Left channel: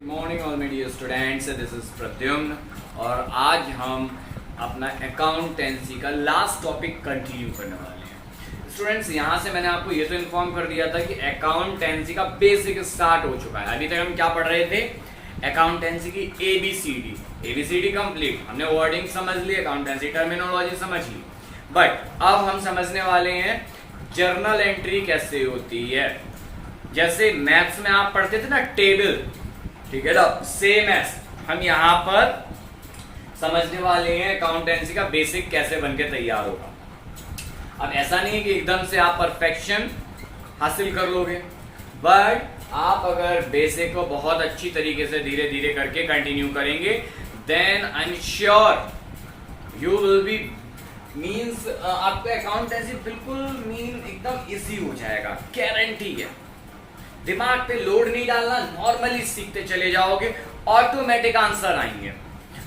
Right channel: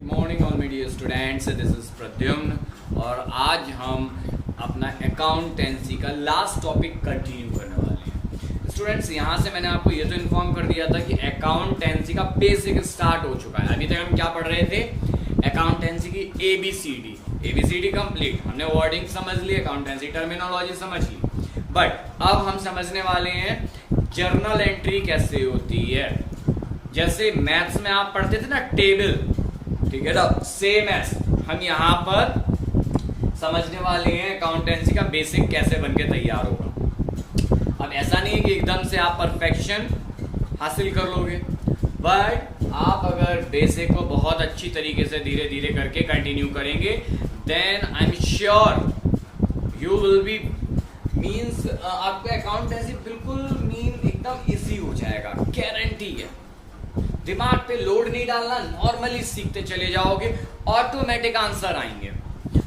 Morning all मेरी students, this is Pradyumna और आज हम अपना अकाउंटेंसी का लास्ट टॉपिक कंटिन्यू करने वाले हैं। स्टूडेंट्स, यहाँ से मैंने आपको ये तो इन्फॉर्म कर दिया था कि अकाउंटेंसी का बेसिक स्टार्ट हो चुका है। अभी तक हम क्या पढ़ रहे थे? अकाउंटेंसी की एबीसीडी कंप्लीट। हमने वर्डिंग समझ ली, अकाउंटेंसी टर्मिनोलॉजी समझ ली, बट अब हम समझने वाले हैं जर्नल एंट्री कैसे होती है। जैसे मैथ्स में आप पढ़ते थे ना टेबल, ठीक है ना, सेम ऐसे हम यहाँ पर समझने वाले हैं अकाउंटेंसी का बेसिक कैसे बनके तैयार होगा। अब ऐसा नहीं है कि एकदम से आप परफेक्शन हासिल कर लोगे, बट आप अगर बेसिक को बहुत अच्छी तरीके से धीरे धीरे करके कंटिन्यू करेंगे, then I am sure you will be means आपका अकाउंटेंसी बिल्कुल एकदम इजी हो जाएगा, गारंटी है। दिमाग पे लोड नहीं डालना, नॉर्मली सीखते चले जाओगे, ऑटोमेटिक आंसर आएंगे।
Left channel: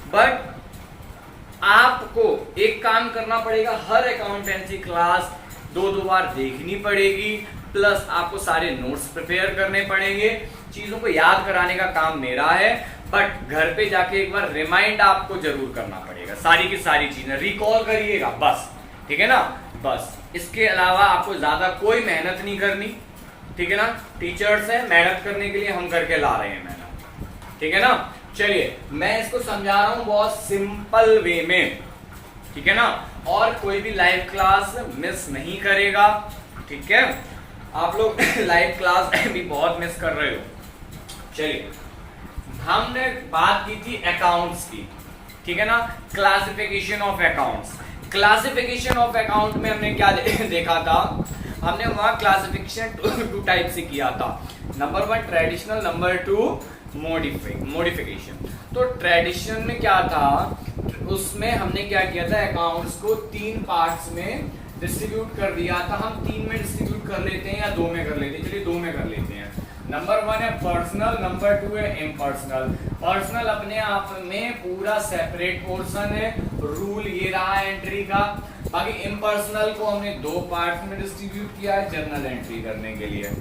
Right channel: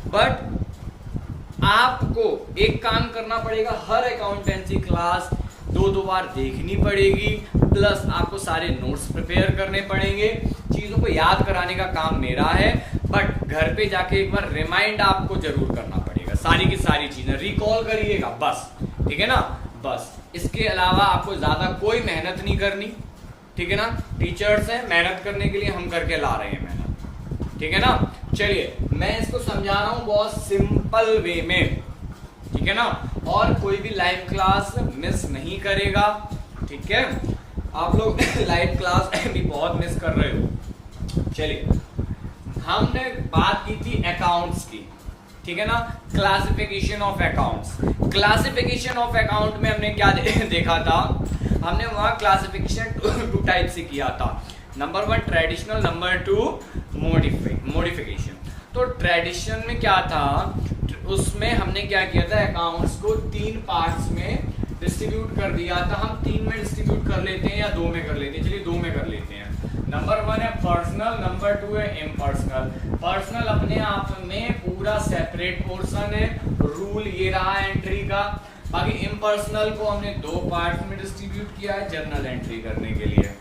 बट आपको एक काम करना पड़ेगा, हर अकाउंटेंसी क्लास दो बार देखनी पड़ेगी, प्लस आपको सारे नोट्स प्रिपेयर करने पड़ेंगे। चीजों को याद कराने का काम मेरा है, बट घर पे जाके एक बार रिमाइंड आपको जरूर करना पड़ेगा। सारी की सारी चीजें रिकॉल करिएगा बस, ठीक है ना, बस। इसके अलावा आपको ज्यादा कोई मेहनत नहीं करनी, ठीक है ना। टीचर्स हैं, मेहनत करने के लिए हम करके ला रहे हैं मेहनत, ठीक है ना। चलिए, मैं इसको समझा रहा हूं बहुत सिंपल वे में, ठीक है ना, और कोई भी लाइव क्लास मिस नहीं करेगा, ठीक है। आप लोग लाइव क्लास भी बहुत मिस कर रहे हो। चलिए, हमने बात की थी अकाउंट्स की, ठीक है ना, classification of accounts. Classification of account में हमने क्या देखा था? हमने वहां क्लासिफिकेशन टू टाइप से किया था। Number 1 traditional, number 2 modification. तो ट्रेडिशनल में क्या था, उसमें हमने क्या किया था, अकाउंट्स को 3 पार्ट्स में डिस्ट्रीब्यूट कर दिया था। हम 3 में डिस्ट्रीब्यूट कर लेते हैं या 2 में कर लेते हैं, चलिए 2 में कर लेते हैं। नंबर 1 है पर्सनल, नंबर 2 है इम्पर्सनल। पर्सनल अपने आप में पूरा सेपरेट पोर्शन है, रूल ये रहा एंट्री का। बाकी इम्पर्सनल को हमने 2 पार्ट में डिस्ट्रीब्यूट किया है जर्नल एंट्री करने के लिए,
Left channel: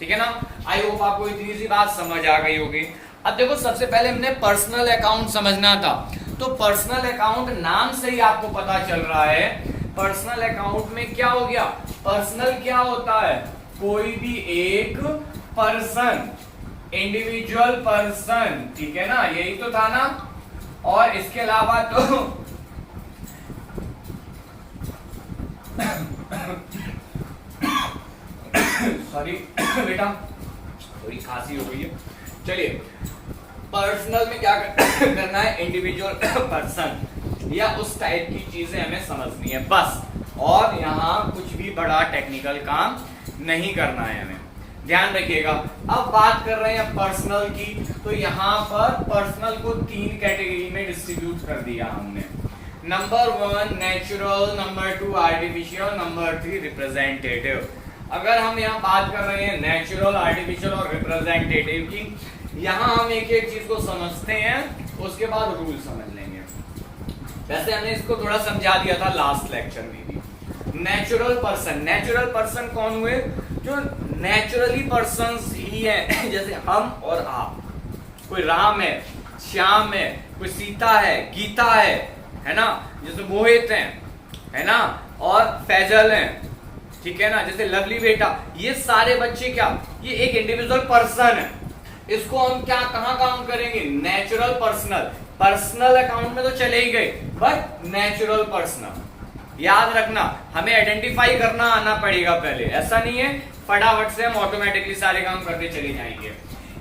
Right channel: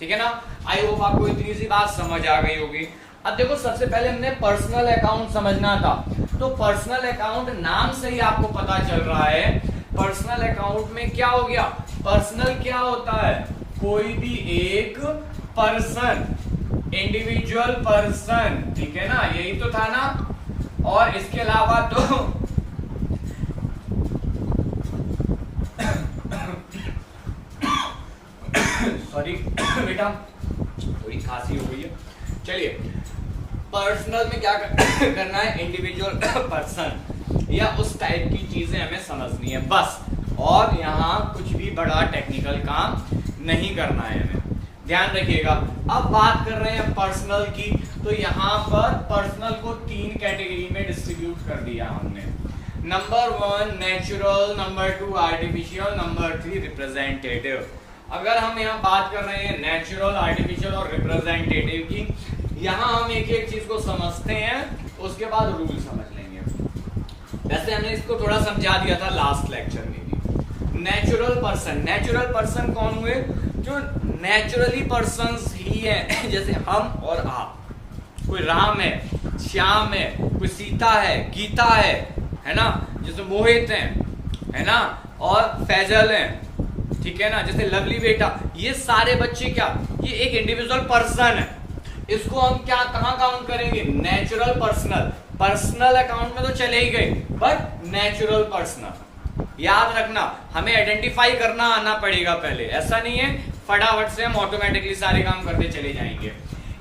ठीक है ना। आई होप आपको इतनी सी बात समझ आ गई होगी। अब देखो, सबसे पहले हमने पर्सनल अकाउंट समझना था, तो पर्सनल अकाउंट नाम से ही आपको पता चल रहा है। पर्सनल अकाउंट में क्या हो गया? पर्सनल क्या होता है? कोई भी एक पर्सन, इंडिविजुअल पर्सन, ठीक है ना, यही तो था ना। और इसके अलावा तो सॉरी बेटा, थोड़ी खांसी हो गई है। चलिए, पर्सनल में क्या करना है? इंडिविजुअल पर्सन या उस टाइप की चीजें हमें समझनी है बस, और यहाँ कुछ भी बड़ा टेक्निकल काम नहीं करना है हमें, ध्यान रखिएगा। अब बात कर रहे हैं पर्सनल की, तो यहाँ पर पर्सनल को 3 कैटेगरी में डिस्ट्रीब्यूट कर दिया हमने। Number 1 natural, number 2 artificial, number 3 representative. अगर हम यहाँ बात कर रहे हैं नेचुरल, आर्टिफिशियल और रिप्रेजेंटेटिव की, यहाँ हम एक एक चीज को समझते हैं, उसके बाद रूल समझ लेंगे। वैसे हमने इसको थोड़ा समझा दिया था लास्ट लेक्चर में भी। नेचुरल पर्सन कौन हुए? जो नेचुरली पर्सन्स ही है, जैसे हम और आप। कोई राम है, श्याम है, कोई सीता है, गीता है ना, जैसे मोहित है ना, और फैजल है, ठीक है ना, जैसे लवली बेटा। ये सारे बच्चे क्या, ये एक इंडिविजुअल पर्सन है। इसको हम क्या कहां काउंट करेंगे? Natural personal. पर्सनल अकाउंट में तो चले ही गए, बट नेचुरल पर्सनल याद रखना, हमें आइडेंटिफाई करना आना पड़ेगा पहले। ऐसा नहीं है फटाफट से हम ऑटोमेटिकली सारे काम करते चले जाएंगे।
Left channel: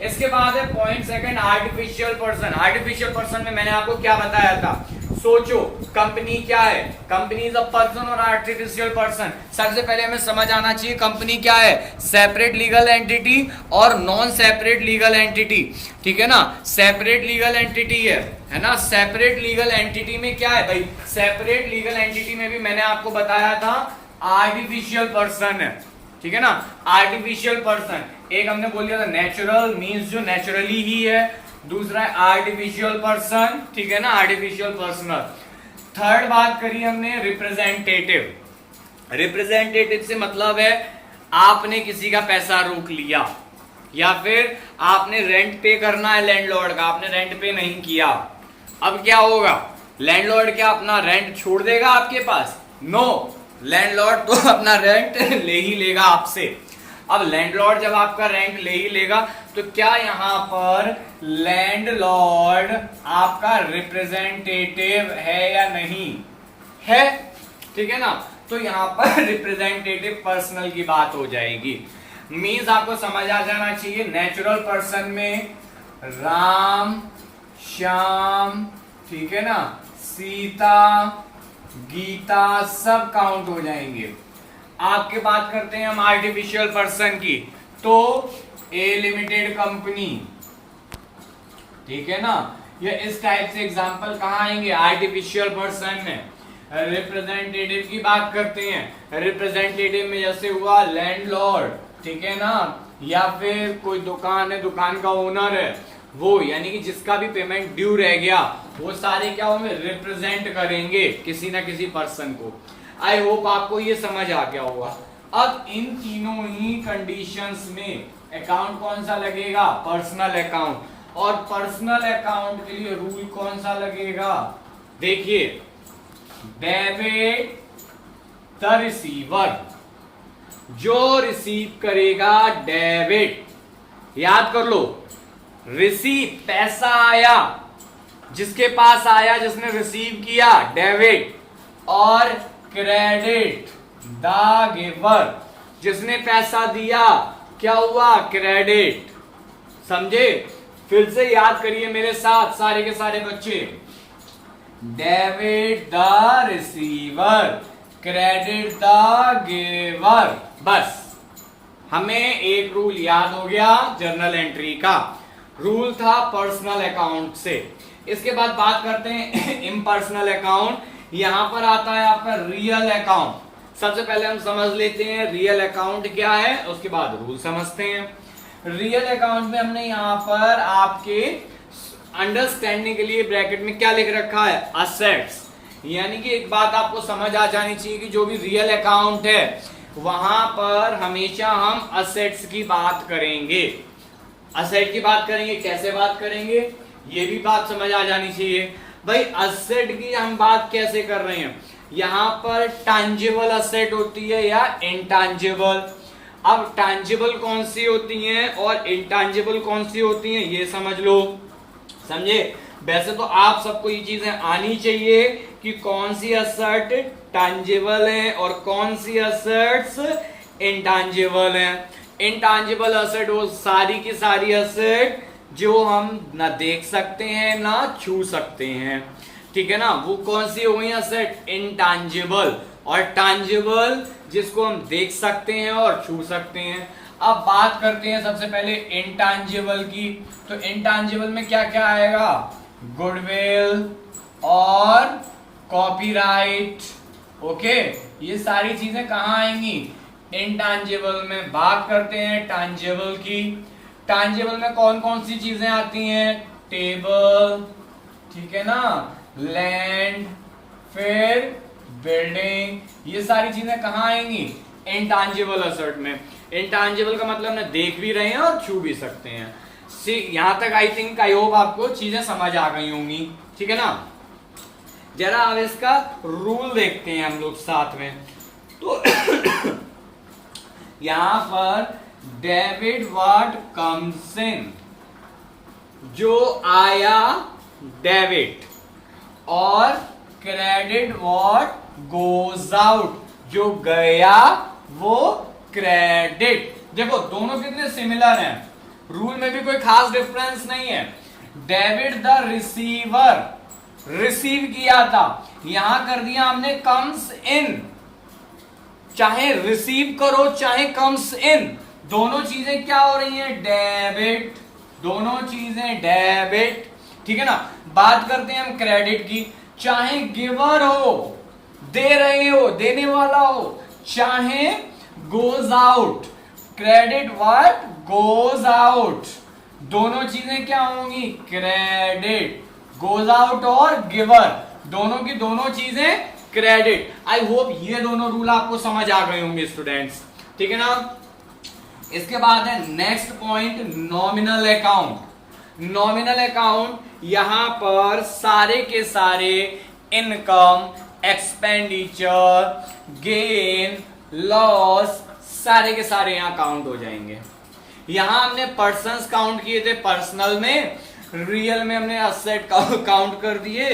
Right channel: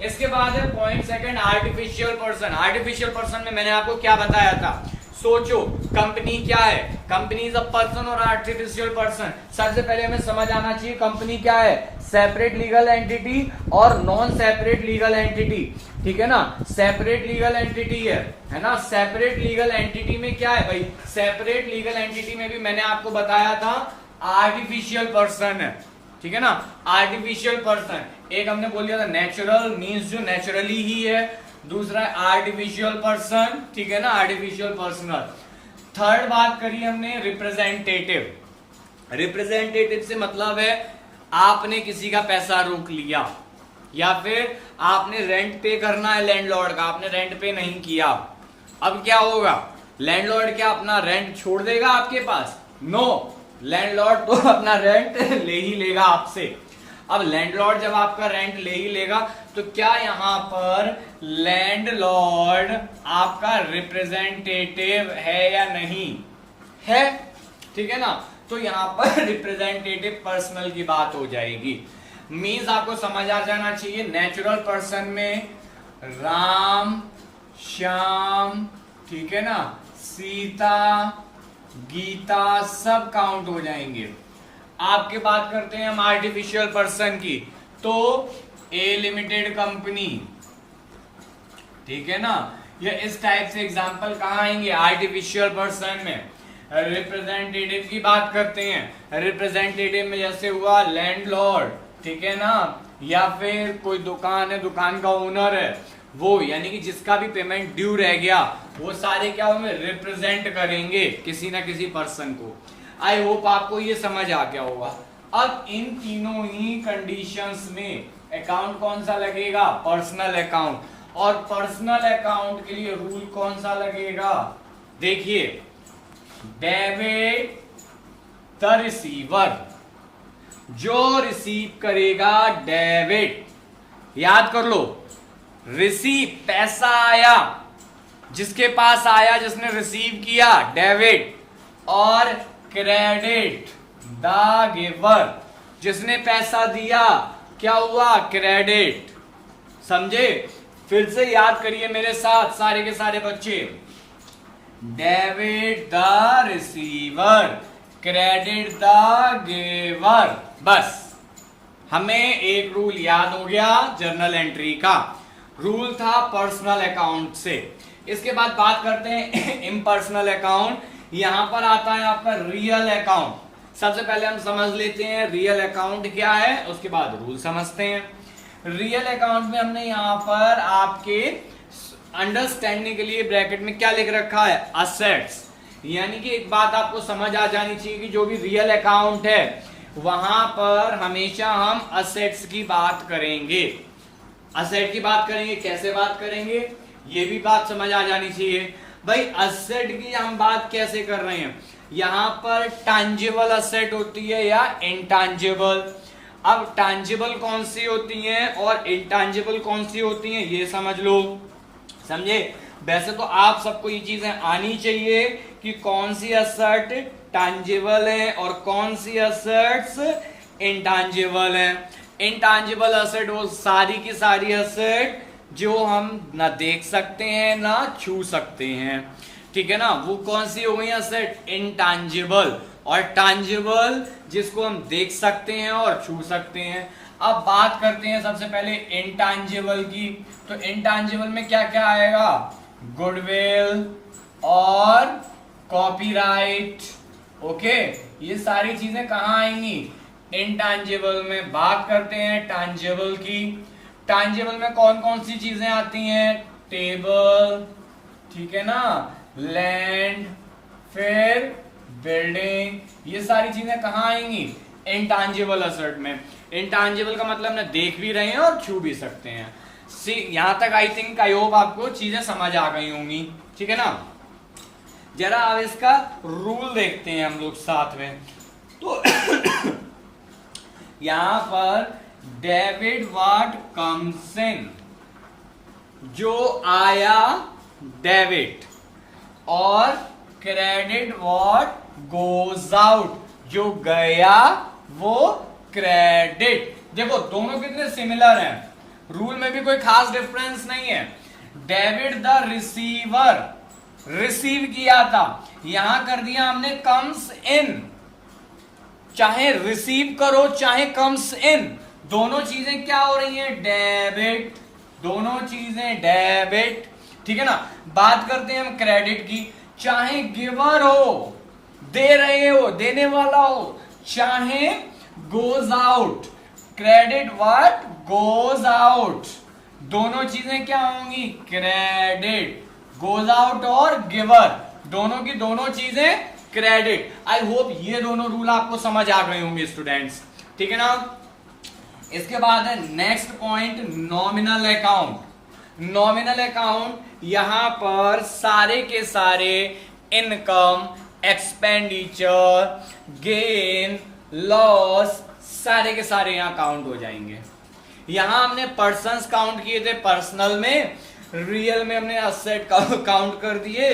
इसके बाद है point second, artificial person. Artificial person में मैंने आपको क्या बताया था? सोचो, कंपनी क्या है? कंपनी इज अ पर्सन और आर्टिफिशियल पर्सन। सबसे पहले हमें समझ आना चाहिए कंपनी क्या है। सेपरेट लीगल एंटिटी और नॉन सेपरेट लीगल एंटिटी, ठीक है ना। सेपरेट लीगल एंटिटी है ना। सेपरेट लीगल एंटिटी में क्या है भाई? सेपरेट लीगल एंटिटी में भी मैंने आपको बताया था आर्टिफिशियल पर्सन है, ठीक है ना। आर्टिफिशियल पर्सन एक हमने बोल दिया था नेचुरल मींस जो नेचुरली ही है, दूसरा है आर्टिफिशियल पर्सन, ठीक है ना, आर्टिफिशियल पर्सनल। थर्ड बात करी हमने रिप्रेजेंटेटिव। रिप्रेजेंटेटिव से मतलब है आपने किसी का पैसा रोक लिया, या फिर आपने रेंट पे करना है लैंडलॉर्ड का, आपने रेंट पे नहीं किया, अब क्या होगा? लैंडलॉर्ड क्या अपना रेंट छोड़ देगा आपके पास? नो, लैंडलॉर्ड तो अपना रेंट ले ही लेगा आपसे। अब लैंडलॉर्ड जब आपका रेंट ले ही लेगा तो क्या यहां पर लैंडलॉर्ड आपका रिप्रेजेंटेटिव है या नहीं है? ठीक है ना, तो यहां पर रिप्रेजेंटेटिव पर्सनल की बात हो जाएगी। मीन्स आपको समझ आ जाना चाहिए, नेचुरल पर्सन में राम, श्याम, ठीक है ना, सीता, गीता सब काउंट हो जाएंगे। आपके बात करते हैं हम आर्टिफिशियल पर्सन की, तो ए लिमिटेड कंपनी, ठीक है ना, ये इस टाइप से एग्जांपल कहां आएंगे? आर्टिफिशियल पर्सन में। रिप्रेजेंटेटिव की बात करते हैं, रिप्रेजेंटेटिव में जैसे हुआ लैंडलॉर्ड, ठीक है ना, या फिर कोई दुकान है, दुकान का ओनर है वो, यानी कि जिसका भी पेमेंट ड्यू रह गया, वो सारे क्या होंगे? रिप्रेजेंट करेंगे किसी ना किसी पर्सन को। आई होप आपको ये समझ आ गया होगा। अब इन तीनों ही कंडीशंस में अकाउंट कौन सा लगेगा? Personal account. और पर्सनल अकाउंट के लिए रूल कौन सा लगेगा? देखिए, डेबिट द रिसीवर, जो रिसीव करेगा डेबिट, याद कर लो, रिसीव पैसा आया, जिसके पास आया, जिसने रिसीव किया, डेबिट, और क्रेडिट द गिवर, जिसने पैसा दिया, क्या हुआ? क्रेडिट। समझे? फिर से याद करिए मेरे साथ सारे के सारे बच्चे, debit the receiver, credit the giver, बस हमें एक रूल याद हो गया जर्नल एंट्री का। रूल था पर्सनल अकाउंट से। इसके बाद बात करते हैं इम्पर्सनल अकाउंट। यहां पर आता है आपका रियल अकाउंट। सबसे पहले हम समझ लेते हैं रियल अकाउंट क्या है, उसके बाद रूल समझते हैं। रियल अकाउंट में हमने यहां पर आपके अंडरस्टैंडिंग के लिए ब्रैकेट में क्या लिख रखा है? असेट्स। यानी कि एक बात आपको समझ आ जानी चाहिए कि जो भी रियल अकाउंट है वहां पर हमेशा हम असेट्स की बात करेंगे। असेट की बात करेंगे, कैसे बात करेंगे ये भी बात समझ आ जानी चाहिए। भाई असेट की हम बात कैसे कर रहे हैं? यहां पर टैंजिबल असेट होती है या इंटैंजिबल। अब टैंजिबल कौन सी होती है और इंटैंजिबल कौन सी होती है ये समझ लो। समझे? वैसे तो आप सबको ये चीजें आनी चाहिए कि कौन सी असेट टैंजिबल है और कौन सी असेट्स इंटैंजिबल है। इंटैंजिबल असेट वो सारी की सारी असेट जो हम ना देख सकते हैं ना छू सकते हैं, ठीक है ना, वो कौन सी हो गई असेट? इंटैंजिबल। और टैंजिबल जिसको हम देख सकते हैं और छू सकते हैं। अब बात करते हैं सबसे पहले इंटैंजिबल की। तो इंटैंजिबल में क्या क्या आएगा? गुडविल और कॉपीराइट। ओके, ये सारी चीजें कहां आएंगी? इंटैंजिबल में। बात करते हैं टैंजिबल की। टैंजिबल में कौन कौन सी चीजें आती हैं? टेबल, ठीक है ना, लैंड, फिर बिल्डिंग, ये सारी चीजें कहां आएंगी? इंटैंजिबल असेट में। इंटैंजिबल का मतलब ना देख भी रहे हैं और छू भी सकते हैं। यहां तक आई थिंक आई होप आपको चीजें समझ आ गई होंगी, ठीक है ना। जरा अब इसका रूल देखते हैं हम लोग साथ में। तो यहां पर डेबिट व्हाट कम्स इन, जो आया डेबिट, और क्रेडिट व्हाट गोज आउट, जो गया वो क्रेडिट। देखो दोनों कितने सिमिलर हैं, रूल में भी कोई खास डिफरेंस नहीं है। डेबिट द रिसीवर, रिसीव किया था, यहां कर दिया हमने कम्स इन। चाहे रिसीव करो चाहे कम्स इन, दोनों चीजें क्या हो रही हैं? डेबिट, दोनों चीजें डेबिट, ठीक है ना। बात करते हैं हम क्रेडिट की। चाहे गिवर हो, दे रहे हो, देने वाला हो, चाहे goes out, credit what goes out, दोनों चीजें क्या होंगी? क्रेडिट। गोज आउट और गिवर, दोनों की दोनों चीजें क्रेडिट। आई होप ये दोनों रूल आपको समझ आ गए होंगे स्टूडेंट्स, ठीक है ना। इसके बाद है next point nominal account. Nominal account यहां पर सारे के सारे इनकम, एक्सपेंडिचर, गेन, लॉस, सारे के सारे यहां काउंट हो जाएंगे। यहां हमने पर्सन्स काउंट किए थे पर्सनल में, रियल में हमने असेट काउंट कर दिए।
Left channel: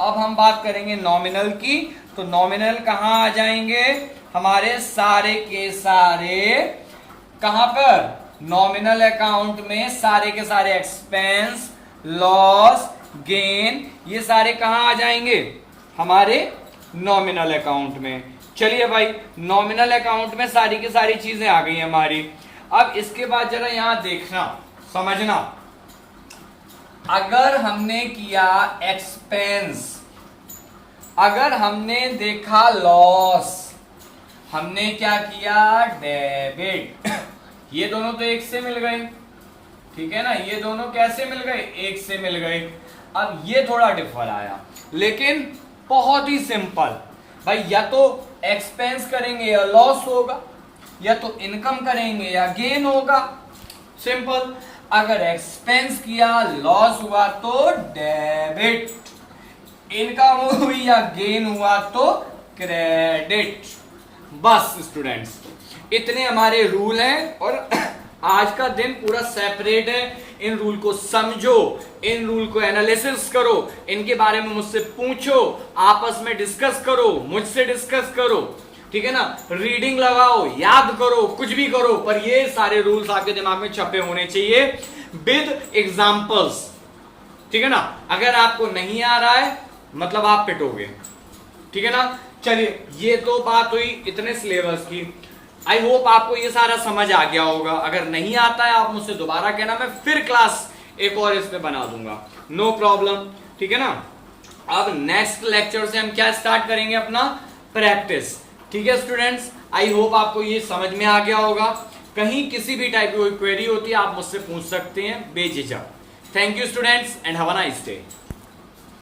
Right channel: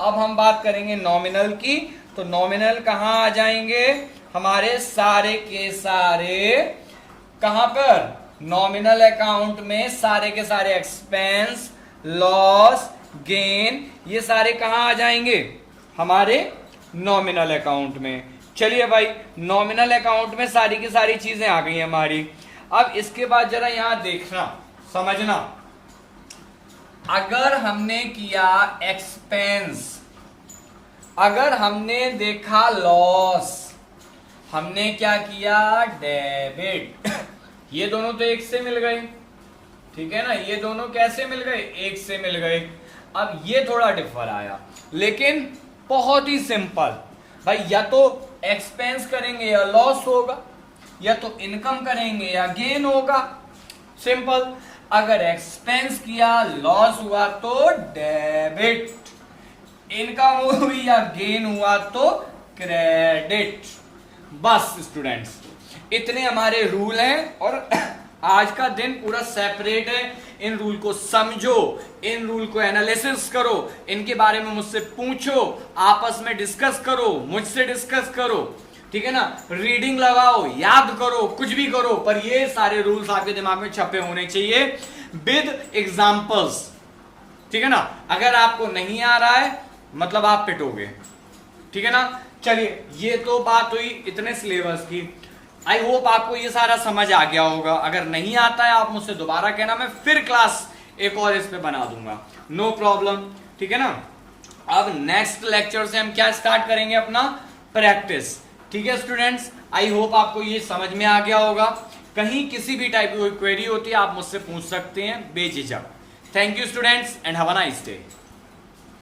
अब हम बात करेंगे नॉमिनल की, तो नॉमिनल कहां आ जाएंगे हमारे सारे के सारे, कहां पर, नॉमिनल अकाउंट में सारे के सारे एक्सपेंस, लॉस, गेन, ये सारे कहां आ जाएंगे हमारे नॉमिनल अकाउंट में। चलिए भाई, नॉमिनल अकाउंट में सारी की सारी चीजें आ गई हमारी। अब इसके बाद जरा यहां देखना, समझना, अगर हमने किया एक्सपेंस, अगर हमने देखा लॉस, हमने क्या किया डेबिट, ये दोनों तो एक से मिल गए, ठीक है ना, ये दोनों कैसे मिल गए, एक से मिल गए। अब ये थोड़ा डिफर आया, लेकिन बहुत ही सिंपल भाई, या तो एक्सपेंस करेंगे या लॉस होगा, या तो इनकम करेंगे या गेन होगा, सिंपल। अगर एक्सपेंस किया लॉस हुआ तो डेबिट, इनकम हुई या गेन हुआ तो क्रेडिट। बस स्टूडेंट्स, इतने हमारे रूल हैं और आज का दिन पूरा सेपरेट है। इन रूल को समझो, इन रूल को एनालिसिस करो, इनके बारे में मुझसे पूछो, आपस में डिस्कस करो, मुझसे डिस्कस करो, ठीक है ना, रीडिंग लगाओ, याद करो, कुछ भी करो, पर ये सारे रूल्स आपके दिमाग में छपे होने चाहिए विद एग्जांपल्स, ठीक है ना। अगर आपको नहीं आ रहा है मतलब आप पिटोगे, ठीक है ना। चलिए, ये तो बात हुई इतने सिलेबस की। आई होप आपको ये सारा समझ आ गया होगा। अगर नहीं आता है आप मुझसे दोबारा कहना, मैं फिर क्लास एक और इस पे बना दूंगा, नो प्रॉब्लम, ठीक है ना। अब नेक्स्ट लेक्चर से हम क्या स्टार्ट करेंगे, अपना प्रैक्टिस, ठीक है स्टूडेंट्स। आई होप आपको ये समझ में आ गया होगा। कहीं किसी भी टाइप की कोई क्वेरी होती है आप मुझसे पूछ सकते हैं बेझिझक। Thank you students and have a nice day.